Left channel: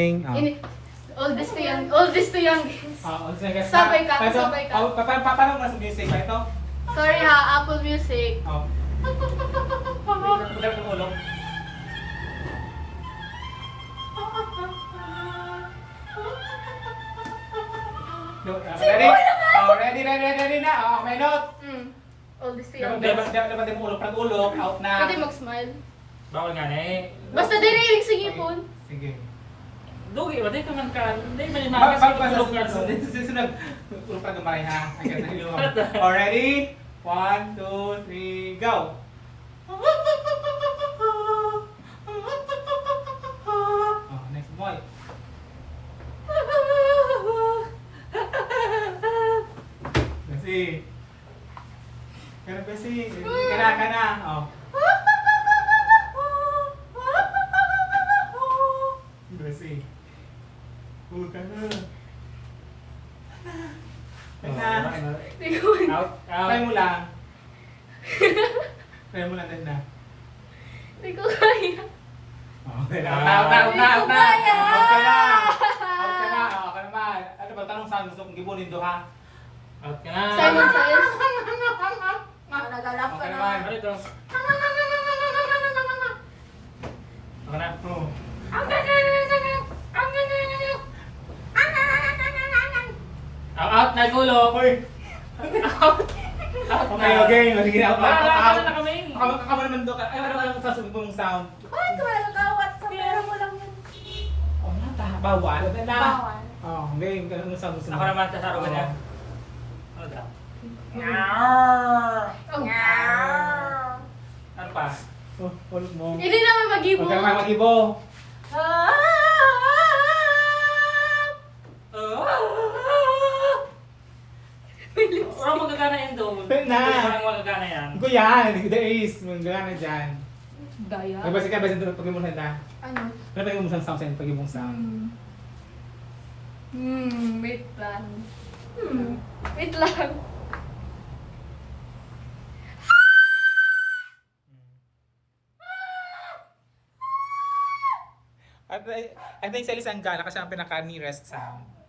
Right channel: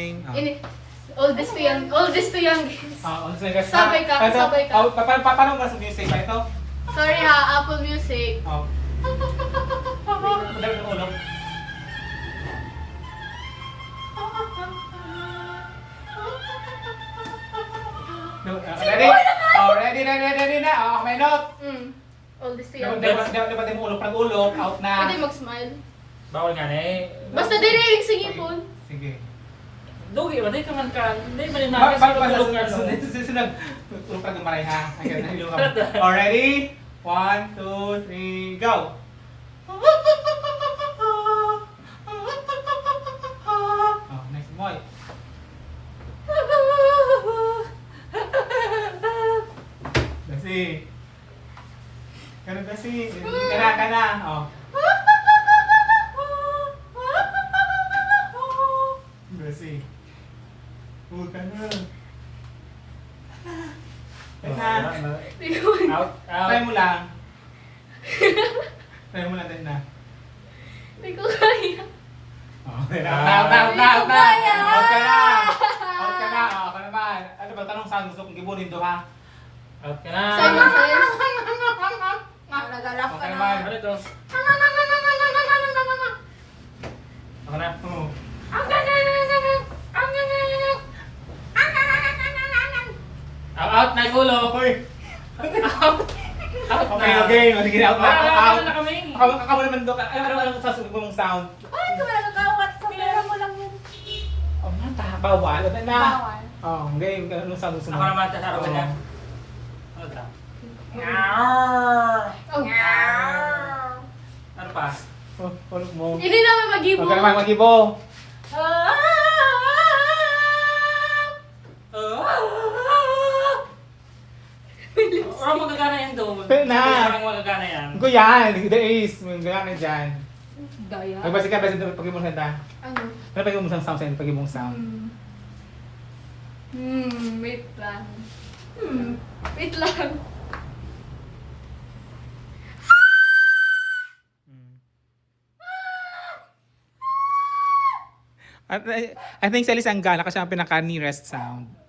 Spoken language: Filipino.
Ini, oldest to young, oldest to youngest. Sabay ka, Ito, sabay ka. paano ba sa music ba ito? Sorry ha, Apple Music. Oh. Padala ng ulo. Ready? Oh, ready na. Oh, may note. Oldest to Dapat youngest. din ulo, pag ulo, out na. Pwede mag-smile. Bawal nga na eh. Basta dirilig sige po. Sige. Dugi, batay ka man ka. Hindi man yung Bag mga tulog ka. susunod. Tulog ka gumaray ha. Oh, ready? 1, 2, 3, go! Oh, next boy. Kasi. Ganun kasi. Kana. Oh. Kasi. Ka na. Teka. Out, Try out. mo lang. Try mo lang din na. Hindi ko kaya. Out Hindi ko kaya. Out ka na. Out ka na. Out ka naman. Ano ba tanong saan gusto kong gibunin do ha? Out ka na. Simon Says. Nagalap ka naman. Ano ito? Ako na. Oh. Out na yung ulo. Hoy. Out. Out na. Okay. Sige, out na. Out Out. na kami. Ako mo naman do. Ano sasabihin mong sound? Oh, nga bawal. Ano na? Bawal. Oh, game. Ano sound gusto mo? Ako naman, tasaro ka niya. Ano daw? Oh. Ano pa? Oh, ulit mo. Hindi naman mag-ibo. Huwag ka naman mag-ibo. Wala magagana yan doon. Na. Walang magagana yan. Ko yan. The ace. May gana dyan. Daya. Magbasa ka ba sa pag-ibong sanda? Ano? Ano pag-ibong sound sa pag-ibong sound? Wait lang. Wait lang. I think sa Lisanggala kasi ang pinaka-nearest sound.